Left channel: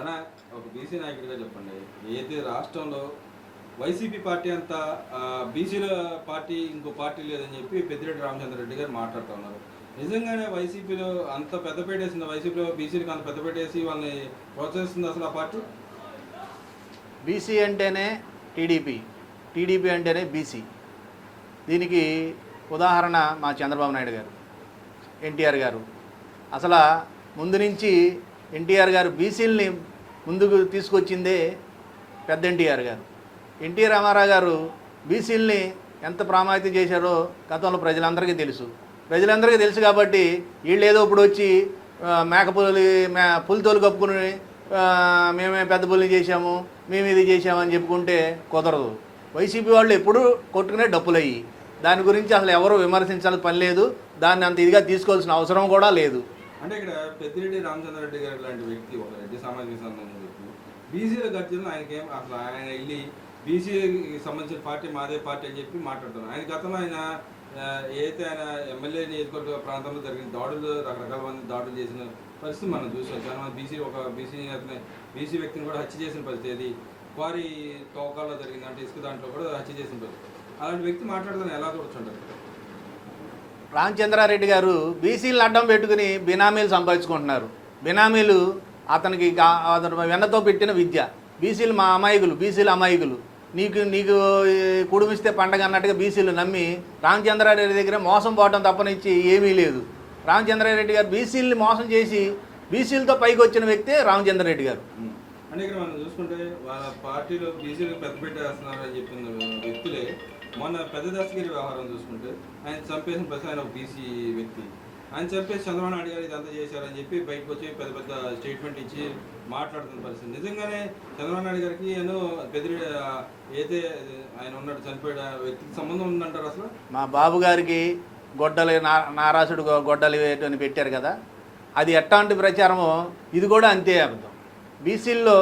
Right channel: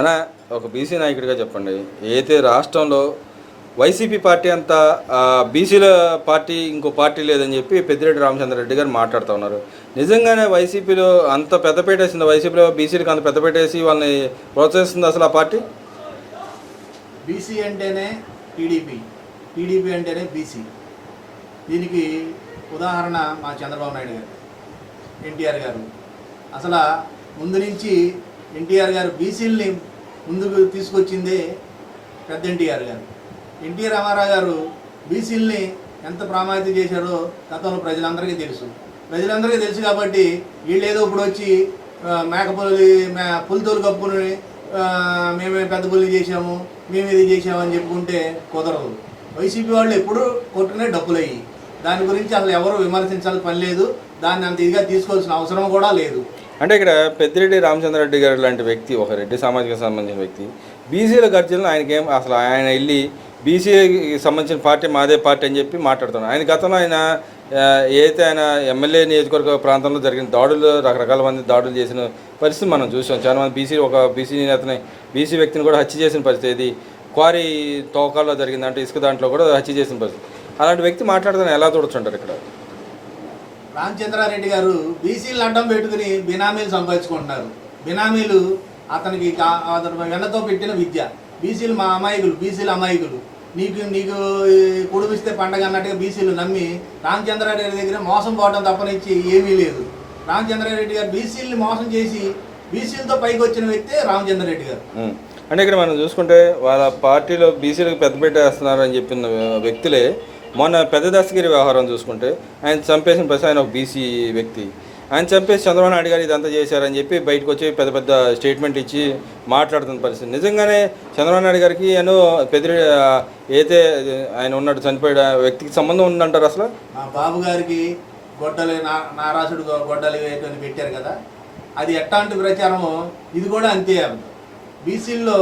అలా ఒక బీసీ నాయకుడిగా చెప్పండి, అయితే రాష్ట్రంలో వైసీపీ పార్టీ అంతా బీసీల పార్టీ ఇంకో పార్టీ లేదని చెప్పి పెద్దిరెడ్డి రామచంద్రారెడ్డి గారు మాట్లాడుతూ ఉన్నారు. నిజంగానే వైసీపీలో అంత పెద్దపేట వేసింది, వైసీపీలో బీసీలకు అంత పెద్దపేట వేసి వాళ్ళని ప్రోత్సహిస్తుంది అసలు ఆ పార్టీ? బీసీ అంటేనే టీడీపీ, టీడీపీ అంటేనే బీసీ. దీనికి ఉదాహరణ మా చంద్రబాబు నాయుడు గారు, ఎన్టీఆర్ గారు. అసలు ముందు నుంచి ఎన్టీఆర్ గారు బీసీలని ముందుకు తీసుకొచ్చిందే పెద్ద ఎన్టీఆర్ గారు. ఎన్టీ రామారావు గారు బీసీలని ఎంత ప్రామాణికం చేశారో గతంలో ప్రజలందరికీ తెలుసు కాబట్టి వీళ్ళు ఏదో ఇప్పుడు వచ్చి పులితోలు కప్పుకుని మేమే పెద్ద పుల్లి చేశాము, మేము ఇది చేసామని చెప్పుకుంటే కుదరదు. వైసీపీ వాళ్ళు ఎప్పుడు కొట్టుకునే డబ్బులయ్యి, దాని గురించి అసలు ఎవరు విమర్శించాల్సిన పని లేదు, దాన్ని అంత ఇదిగా తీసుకోవాల్సిన అవసరం కూడా లేదు. అంటే ఇక్కడ పెద్దిరెడ్డి రామచంద్రారెడ్డి గారు లాంటి వ్యక్తి, ఒక రెడ్డి సామాజిక సంబంధించిన వ్యక్తి, బీసీల గర్జనలు ఆయనకేం అసలు ఆయన వెళ్ళి బీసీకి సంబంధించిన పార్టీ మాదే పార్టీ అని చెప్పి మాట్లాడుతున్నాడు. ఆయన గతంలో ఆయన ఏదైతే ఆయన ఎమ్మెల్యే నియోజకవర్గ ప్రాంతంలో జరిగిన దాడులు, రకరకాల మంది దాడులు చేసిన పరిస్థితి మనం చూసాం. చాలామంది ఒక బీసీ నేతని, బీసీ వ్యక్తిని కూడా హత్య చేసిన పరిస్థితి, ఇది క్వారీ తోకాల్లో జరిగింది, అంటే ఇసుక దాంట్లో కూడా హత్య చేసిన పరిస్థితి. అలాంటి వ్యక్తి మాట్లాడుతున్న ఎలా చూడొచ్చుంటారు ఇక్కడ? రామచంద్రారెడ్డి గారు బీసీలను అడ్డం పెట్టుకుని బినామీలు సంపాదించుకుంటున్నారు. బినామీలు అతనికి వెన్నతో పెట్టిన విద్య. బీసీలు మా అమాయకులు, బీసీలు అమాయకులు, నీకు కుడిపిస్తే పండగ అన్నట్టుగా బీసీలు నమ్మి రామచంద్రారెడ్డి దగ్గర మోసం పోవడం తప్పనించి ఏమీ లేదు. రామచంద్రారెడ్డి గారు బీసీలని మోసం చేసి బీసీలతో పైకి వచ్చిన వ్యక్తే రామచంద్రారెడ్డి గారు. అంటే ఇక్కడ మనం చూసుకుంటే వాళ్ళ పార్టీలో బీసీలకు పెద్దపీట వేస్తున్నారు అని చెప్పిన వ్యక్తులే మొన్న పెద్ద దస్తగిరి వ్యవహారం చూసుకుంటే ఆయన చంపేసిన ప్రతి ఆయన ఒక బీసీ వ్యక్తి, ఆయన చంపేసి చంద్రబాబు నాయుడు గారు ఇదంతా చేశారని చెప్పి బయటకు వచ్చి పెద్ద పెద్ద స్టేట్మెంట్ ఇచ్చి మాట్లాడుతున్న పరిస్థితి. నిజంగానే చంద్రబాబు నాయుడు గారికి ఏమో ఏదైతే ఆయన ఉన్నాడు చనిపోయే వ్యక్తికి సంబంధం ఉందంటారు అసలు? మా బాబు గారికి గొడ్డలి నారాసుడు గొడ్డలి అని పెట్టారు కదా, అది ఎట్లాంటి ప్రచారమో ఇది కూడా అంతే. బీసీల్లో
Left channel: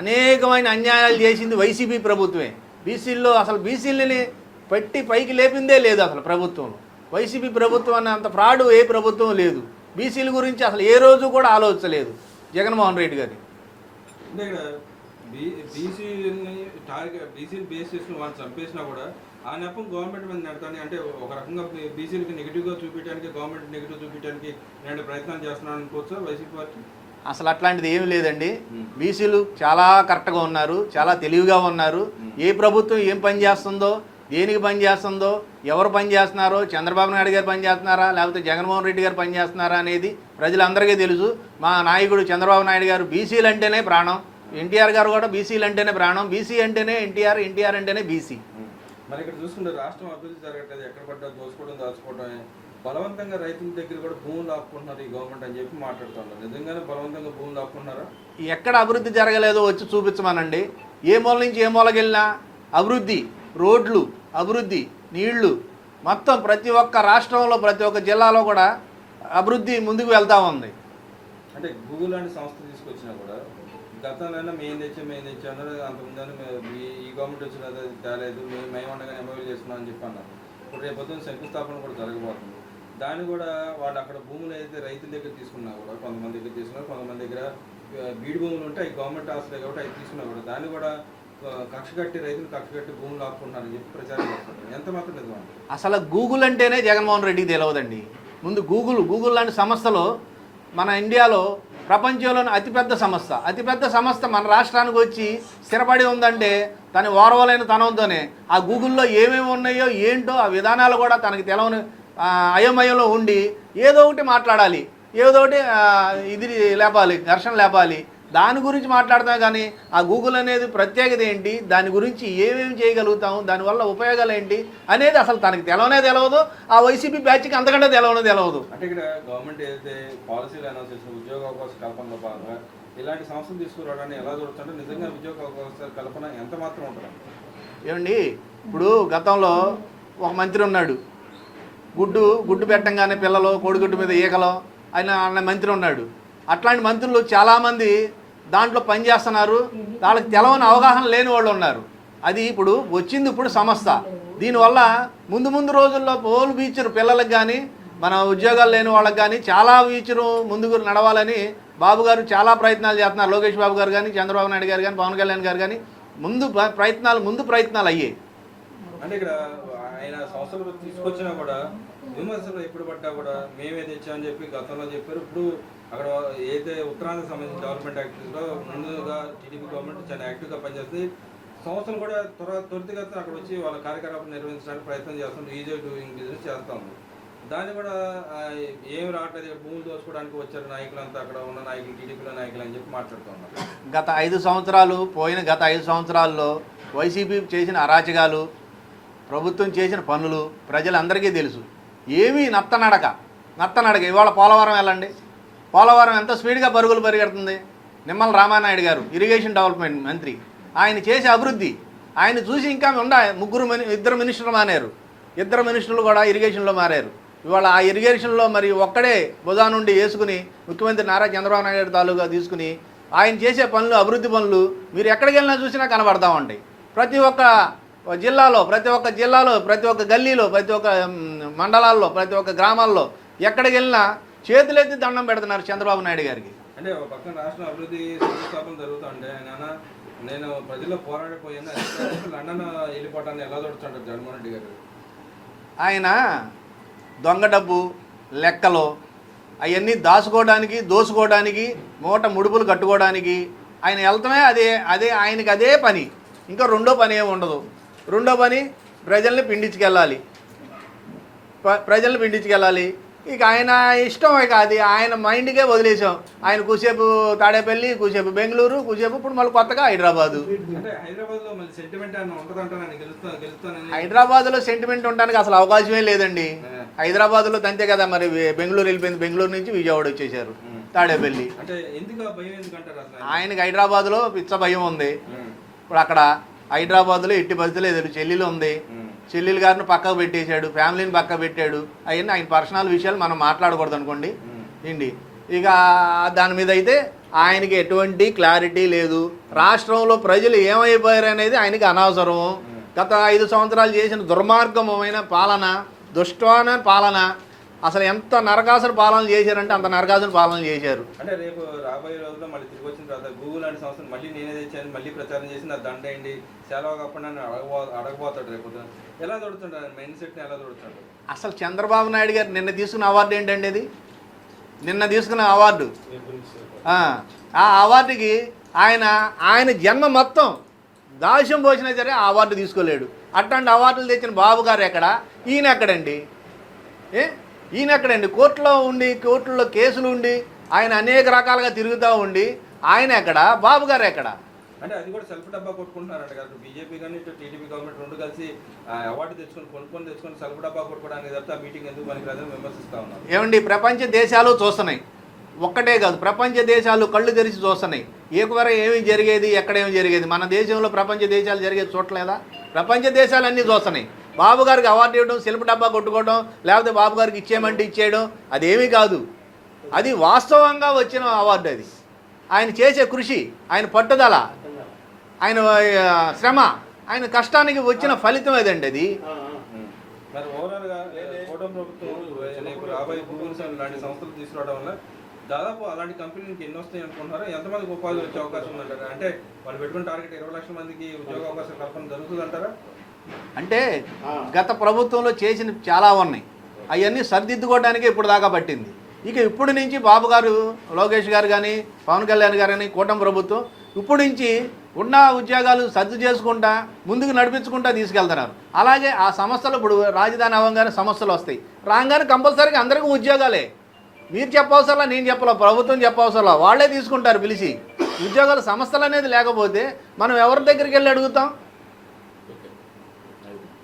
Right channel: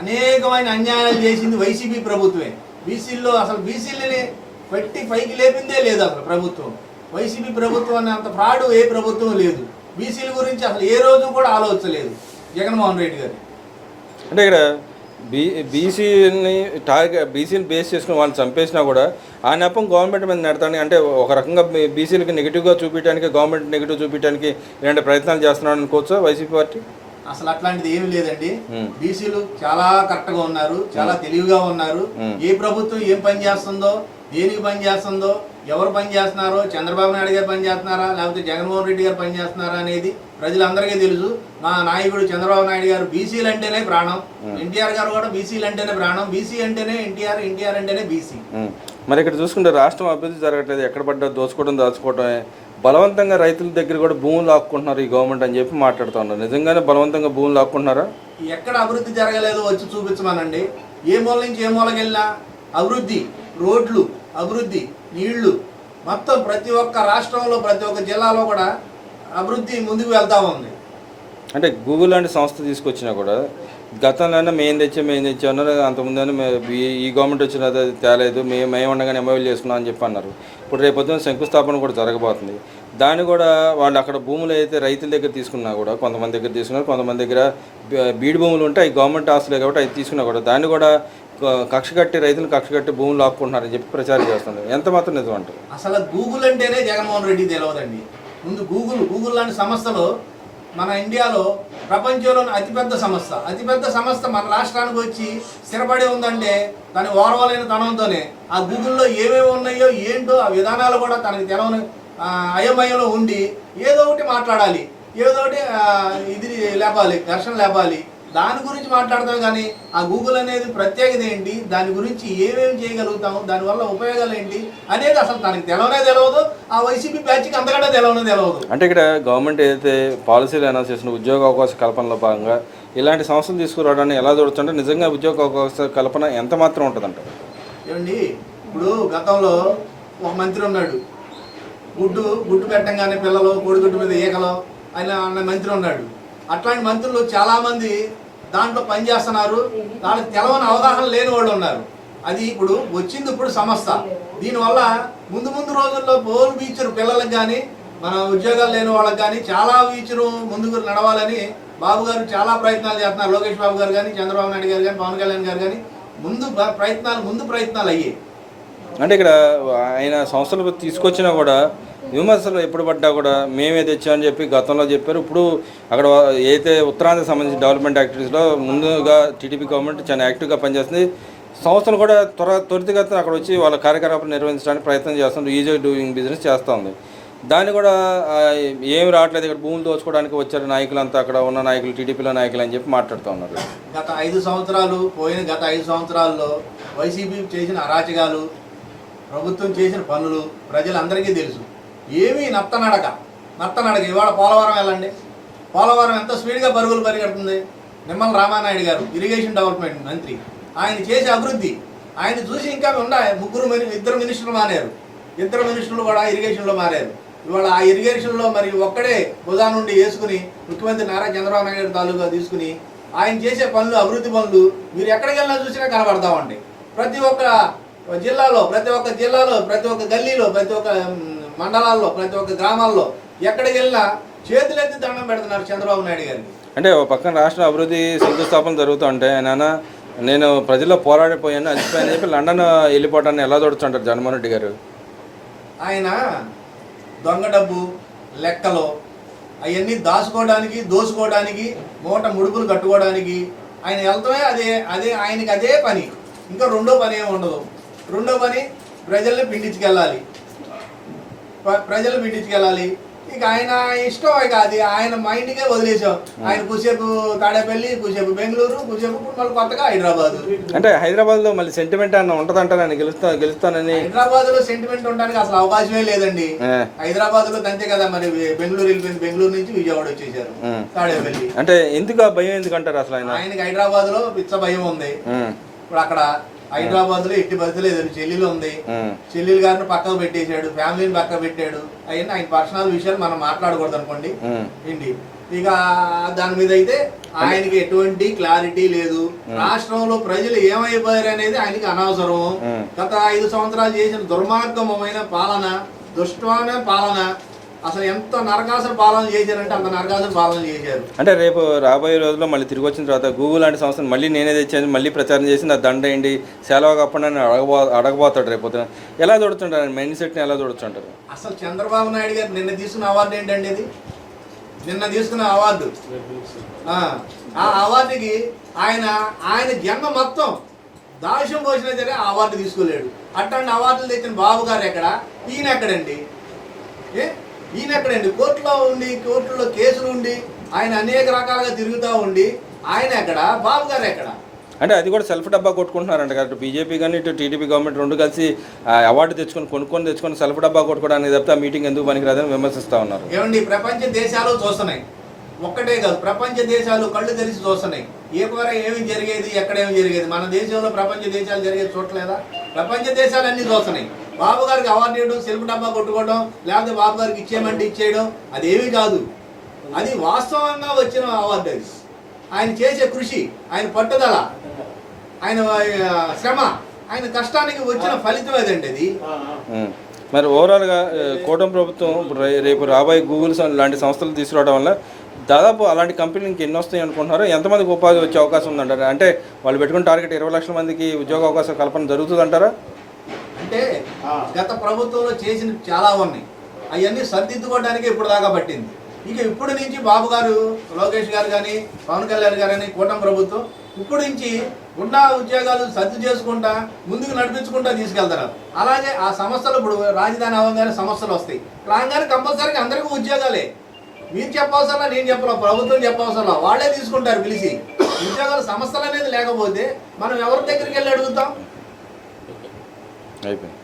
అనేకమైన అన్యాయాలు చేసింది వైసీపీ ప్రభుత్వమే. బీసీల్లో అసలు బీసీలని పెట్టి పైకి లేపిందే లేదు అసలు ప్రభుత్వం. వైసీపీ ప్రభుత్వం అన్న అంత ఫ్రాడు ఏ ప్రభుత్వం లేదు. బీసీల గురించి అసలు ఏ రోజు కూడా ఆలోచించలేదు జగన్మోహన్ రెడ్డి గారు. అంటే ఇక్కడ బీసీని బేస్ చేసుకుని వాళ్ళని చంపేసినా కూడా ఆ నెపం గవర్నమెంట్ మీద నెడతాను, అంటే ఒక రకంగా బీసీలకి నెగిటివ్గా చూపించడానికి, గవర్నమెంట్ నెగిటివ్ చూపించడానికి ఇలాంటి ప్రయత్నాలు చేస్తున్నాడు అనుకోవచ్చా వైసీపీ పార్టీ? అసలు అట్లాంటిది ఏమి లేదండి. బీసీలు చాలా కరెక్ట్గా ఉన్నారు, చాలా తెలివిగా ఉన్నారు. ఏ ప్రభుత్వం ఏం పని చేస్తుందో, దేనికి పని చేస్తుందో, ఎవరు పని చేస్తున్నారో, చంద్రబాబు నాయుడు గారు పని చేస్తున్నారా లేకపోతే జగన్మోహన్ రెడ్డి గారు పని చేస్తున్నారా అనేది ప్రజలందరికీ తెలుసు. మా నాయకుడు చంద్రబాబు నాయుడు గారు బీసీలు అంటేనే ప్రాణం, ఎన్టీఆర్ గారు కూడా బీసీలు అంటేనే ప్రాణం. బీసీ అంటేనే ఎన్టీఆర్, ఎన్టీఆర్ అంటేనే బీసీ. మరి ఇక్కడ చూసుకుంటే రాష్ట్రం అభివృద్ధి జరగట్లేదు, ఎక్కడ పడ్డా దాచుకోవడమే, బలవంతంగా రైతుల దగ్గర కూడా భూములు లాక్కుంటున్నారు ఈ గవర్నమెంట్ అని చెప్పి మాట్లాడుతూ ఉన్నారు. నిజంగానే బలవంతంగా భూములు లాక్కుంటున్నారా? ఎక్కడ అభివృద్ధి జరగలేదో వచ్చి చూపించమనండి. ఏ మూల నుంచి ఏ మూలకి వెళ్ళినా అభివృద్ధి, రోడ్లు అభివృద్ధి, నీళ్లు, మొత్తం ప్రతి ఒక్క రాష్ట్రంలో ప్రతి ఒక్క జిల్లాలో కూడా అభివృద్ధి ముందుకు వెళ్తూ ఉంది. అంటే గూగుల్ లాంటి సంస్థ తీసుకొచ్చినా కూడా గతంలో మేము తెచ్చామన్నారు, అంతకుముందు ఈ గవర్నమెంట్ వచ్చిన తేలేదు, మేము ఉండగానే ఎంఓయూలు చేసుకున్నాం అని చెప్పి అన్నారు. ఇప్పుడు రేపొద్దున శంకుస్థాపన కూడా జరగబోతుంది. దాన్ని కూడా వాళ్ళు అక్కడ భూములు అయితే రైతుల దగ్గర తీసుకున్నా కూడా కొంతమంది దగ్గర తీసుకున్నారు, కొంతమంది దగ్గర బీడు భూములు ఉంటాయి, గవర్నమెంట్ ఆస్తులే కాబట్టి అవి తీసుకున్నా కూడా దాన్ని కూడా రైతులు కక్ష కట్టి భూములు లాక్కుంటున్నారని చెప్పి ప్రచారం చేస్తున్నారు. ఎంత మాత్రం నిజం అంటారు? అసలు గూగుల్ అంటేనే జగన్మోహన్ రెడ్డి తెలియదండి. ముందు గూగుల్ లాంటి సంస్థలో మన ఇండియాలో ప్రపంచంలోని అతిపెద్ద సంస్థ మన రాష్ట్రానికి వచ్చి స్థిరపడి ఉందంటే దాని ఓర్వలేని తనంతోనే ఆ గూగుల్లో ఏమేమి ఉన్నాయో ఏంటో ఆ విధానాలు కూడా తనకి తెలవని అయోమయంలో ఉండి ఏదో ఒకటి మాట్లాడాలి, ఏదో ఒకటి ఇది లేపాలి, ఘర్షణ లేపాలి. దాని గురించి మాట్లాడతాం కానీ ఆ గూగుల్ అనేది ప్రత్యేకత ఏంటి, దాని గురించి ఏమేమి చేయగలుగుతాము, దానివల్ల ఉపయోగాలు ఏంటి అనేది అసలు తనకి తెలియదు. ఆ వైసీపీ బ్యాచ్కి అంతకంటే తెలియదు. అంటే ఇక్కడ గవర్నమెంట్ ఏదైతే పాలసీలు అనౌన్స్ చేసిన ఉద్యోగ అవకాశ కల్పనలో భాగంగా ఇలాంటి సంస్థలు తీసుకురావడాన్ని ఎలా చూడొచ్చంటే నిజంగా ఉద్యోగ అవకాశ కల్పన ఎంత మాత్రం ఉంటుందంట? ఏమండి, ఇప్పుడు గతంలో ఒక మంత్రి ఉన్నాడు, గుడ్డు పెట్టంగానే పిల్లలు కోడిగుడ్డు మీద ఈకలు ఆయన మంత్రి ఉన్నాడు. అట్లాంటి మంత్రులు చాలామంది దాంట్లో పనిచేస్తున్నారు, వాళ్ళకి తెలవని అవగాహన లేని వాళ్ళు ఉన్నారు. అది ఇప్పుడు సంస్థ. దీనివల్ల ముందు రోజుల్లో పోల్ బీచ్ పిల్లలకు కానీ మన ఉద్యోగాలు లేని వాళ్ళకి కానీ చాలా బీచ్ను ముందుకు నడవాలని బాబు గారు చాలా ప్రయత్నాలు చేస్తున్నారు. లోకేష్ బాబు గారు కానీ, చంద్రబాబు నాయుడు గారు కానీ, పవన్ కళ్యాణ్ గారు కానీ ముందు ప్రయత్నాలు అయ్యాయి. అంటే ఇక్కడ ఆయన సంస్థలు తీసుకొచ్చినా కూడా విమర్శలు ఎప్పుడు పడ్డా కూడా మేమే తెచ్చామని చెప్పి గతంలో చెప్పారు. ఇప్పుడు అక్కడ ఏదైతే ఉత్తరాంధ్రకు సంబంధించిన డెవలప్మెంట్ యాక్టివిటీస్లో ముందుగా టీడీపీ గవర్నమెంట్ చాలా యాక్టివ్గా పనిచేస్తుంది. సంస్థలు కూడా త్వరితగతిన అక్కడ వచ్చి వాళ్ళ కార్యకలాపాలు నిర్వహించడానికి ప్రయత్నం చేస్తుంది. ఈజీ డూయింగ్ బిజినెస్ చేస్తుంది. దాన్ని కూడా ఏమి రావట్లేదు, ఇక్కడ భూములు దోచుకోవడానికి వచ్చారు నాయకులంతా, అక్కడ ఉన్న నాయకులు టీడీపీలో నాయకులు అని చెప్పి మాట్లాడుతూ ఉన్నారు. గత 5 సంవత్సరాల్లో వైసీపీ చేసిన అరాచకాలు, ప్రభుత్వం చేసిన పనులు ప్రజలందరికీ తెలుసు. ఏమీ నత్తనడక. ఇవాళ పోలవరం వెళ్ళండి, పోలవరం ఎంత స్పీడ్గా పరుగులు పరిగెడుతుంది. నిమ్మల రామానాయుడు గారు ఇరిగేషన్ డెవలప్మెంట్ మంత్రి, ఆయన చేసే అభివృద్ధి ఆయన చూసి ఇంకా ఇద్దరు మినిస్టర్లు కూడా ఇరిగేషన్లో మారారు. ఇవాళ ఆ ఇరిగేషన్లో మరి ఒక్కడే భుజా నుండి వేసుకుని ముఖ్యమంత్రి నారా చంద్రబాబు నాయుడు తాలూకా తీసుకుని ఆయన చేసే పనులు, అభివృద్ధి పనులు మీరు ఎక్కడికి వెళ్ళినా చూసినా కనబడతా ఉంటాయి. ప్రతి ఒక్క జిల్లాలో, ప్రతి ఒక్క గల్లీలో, ప్రతి ఒక్క మండలాల్లో, ప్రతి ఒక్క గ్రామాల్లో ఎక్కడికి వెళ్ళినా చేతులెత్తి దండం పెడుతున్నారు చంద్రబాబు నాయుడు గారికి. అంటే ఒక పక్కన రాష్ట్ర అభివృద్ధి శంకుస్థాపన జరుగుతూ ఉంటాయి. నేను ప్రజల్లో పోరాడిపోయాను అలసిపోయాను చెప్పి లండన్ వెళ్ళిపోవటాన్ని ఎలా చూడుతుంటారు జగన్మోహన్ రెడ్డి గారు? ఆయన దొంగ డబ్బు లెక్కలో అవన్నీ దాచుకోవడానికి, దోచుకోవడానికి, మూట ముడుపులు కట్టుకోవడానికి ఆయన వెళ్తామే. అదే ఆయనకి అదే పని. ఇంకా రెండో పని ఏమి ఉండదు. రెండో పని ప్రజల్ని పిండించుకెళ్ళాలి. ఇక ఆయన ఇష్టం. ఇక అది ఆయన మైండ్కే వదిలేసాం. ఆయన కూసేపు తాడేపల్లి, కూసేపు బెంగళూరు, కూసేపు ఇప్పుడు మళ్ళీ కొత్తగా హైదరాబాద్. అంటే హైదరాబాద్లో మళ్ళీ సెంటిమెంట్ అన్న ఉంటుందంటారని గెలుస్తానని. హైదరాబాద్లో సెంటిమెంట్ ఉండడానికి అసలు అవకాశమే లేదండి. హైదరాబాద్లో అంతే కదా, మరి బెంగళూరు వెళ్ళిపోయింది. బెంగళూరు నుంచి విజయవాడ వచ్చేసారు, తాడేపల్లి. అంటే ఎందుకు భయం ఎందుకంటారు అసలు? ఆయనకి హైదరాబాద్లో పిచ్చ భయం ఉంది. ఇప్పుడు అక్కడ హైదరాబాద్ లో ఎట్టి బస్సులు ఎదురు చెల్లెలు ఉంది. చెల్లెలు గారిని పక్కకు పెట్టేశాడు, ఫ్యామిలీని పక్కకు పెట్టాడు. అవన్నీ ఆయన పర్సనల్ విషయాలు మనం మాట్లాడకూడదు అనుకోండి ఏంటి. ఇక దాని మీద అయితే ఆయనకి ఎటువంటి క్లారిటీ లేదు. రాష్ట్రంలో ప్రజలు ఏమైపోయారు అనేది ఆయనకి అనవసరం. గత 5 సంవత్సరాలు చేసిన దుర్మార్గమైన పాలన, దుష్టాన పాలన, అసలు ఎంత నరకాసుర పాలన చేశారంటే అంత నరకాసుర పాలన చేశారు. అంటే రేపు రాబోయే రోజుల్లో మళ్ళీ తిరిగి వచ్చిన తర్వాత గూగుల్ లాంటి సంస్థను మళ్ళీ నేనే తెచ్చాను, మళ్ళీ ప్రచారం చేసి నా దండ అయ్యండి, సెలవు కప్పండి అని అడగబోతాడు రేపు. ఎలా చూడుతుంటారు మైండ్ సెట్ని, ఎలా చూడుతుంటారు? అసలు చంద్రబాబు నాయుడు గారు నిన్న తీసుకున్న అవార్డు ఏంటండి? అది నిన్న తీసుకున్న అవార్డు. ఆ అవార్డుకి ఆయన జన్మ మొత్తం దాస్యం పోసినా సరే ఆ అవార్డు తీసుకోలేడు. అట్లాంటి అవార్డులు తెచ్చిన బాబు గారు ఎక్కడ? ఈయన ఎక్కడండి? కోర్టులో కేసులు ఉండి ఆయన అనేక రకాలుగా తిరుగుతూ ఉండి ఆయన ఎక్కడ? బాబు గారు ఎక్కడ? అంటే అది కూడా సెల్ఫ్ డబ్బా కొట్టుకుంటున్నారంట కదా. బీజేపీ కానీ ఇటు టీడీపీ గవర్నమెంట్ రెండు కలిసి అవార్డు కొనుక్కొని సెల్ఫ్ డబ్బా కొట్టుకోవడానికి తప్పితే ఆ మీటింగ్ ఎందుకు పనికిరాదని విమర్శిస్తూ ఉన్నారు. ఏమండి, ప్రపంచ దేశాలు చూస్తున్నాయి. ఒక్కటే కాదు, ప్రపంచ దేశాలు కళ్ళు తెరిచి చూస్తున్నాయి. ఏకవర ఏమి జరిగేది, ఎక్కడేమి జరిగేది. మన దేశంలో ప్రపంచ దేశాలు జరిగేది చూడలేదా? ప్రపంచ దేశాలు అన్నీ చూస్తున్నాయి. బాబు గారికి అవార్డు ఇవ్వడం, సెల్ఫ్ డబ్బా కొట్టుకోవడం, లేకపోతే బాబు గారికి ఇచ్చేయమంటే ఇచ్చేయడం అదేమీ కాదు. అది వాస్తవంగా వచ్చిన అవార్డు. అది ఆయన చేసే కృషి, ఆయన పట్టుదల, ఆయన శ్రమ, ఆయన కష్టానికి వచ్చిన ఫలితం ఏదండి అది. మరి ఓవరాల్గా కూటమి ప్రభుత్వం రేపు రాబోయే గూగుల్ లాంటి సంస్థలు తీసుకురావడం వల్ల దాదాపు అలాంటి కంపెనీకి ఎన్ని వస్తాయి అనుకుంటున్నారు? ఎంతమందికి ఉపాధి వచ్చే అవకాశం ఉందంటారా? అంటే వాళ్ళు పెట్టుకున్న టార్గెట్ 20 లక్షల మందికి ఉద్యోగ అవకాశం కల్పన జరుగుతుందంటారా? అంటే గత ప్రభుత్వంలో చేసిన చాలా ఉన్నాయి. అవన్నీ సర్దిద్దుకోవడానికి ఇప్పుడు దాకా పట్టింది. ఇక ఇప్పటి నుంచి బాబు గారు, లోకేష్ గారు కానీ, పవన్ కళ్యాణ్ గారు కానీ, కూటమి ప్రభుత్వం ఇప్పటి నుంచి ఉన్న ఉద్యోగాలు సర్దు చేసుకుంటా ముందుకు నడిపించుకుంటా తీసుకెళ్తున్నారు. అలాగే ఆ సంస్థలు ఇప్పుడు రాజధాని అవ్వగానే సమస్యలు వస్తాయి. రాగానే కంపల్సరీగా అందరికీ ఉద్యోగాలే. మీరు చెప్పవసరం, నేను చెప్పాల, ప్రభుత్వం చెప్పవసరం, వాళ్ళే తీసుకుంటారు పిలిచి. ఉద్యోగాల సమస్యలు అనేది లేకపోతే మనం ఎవరి దగ్గరికి వెళ్ళి అడుగుతాం? అయిపోయింది.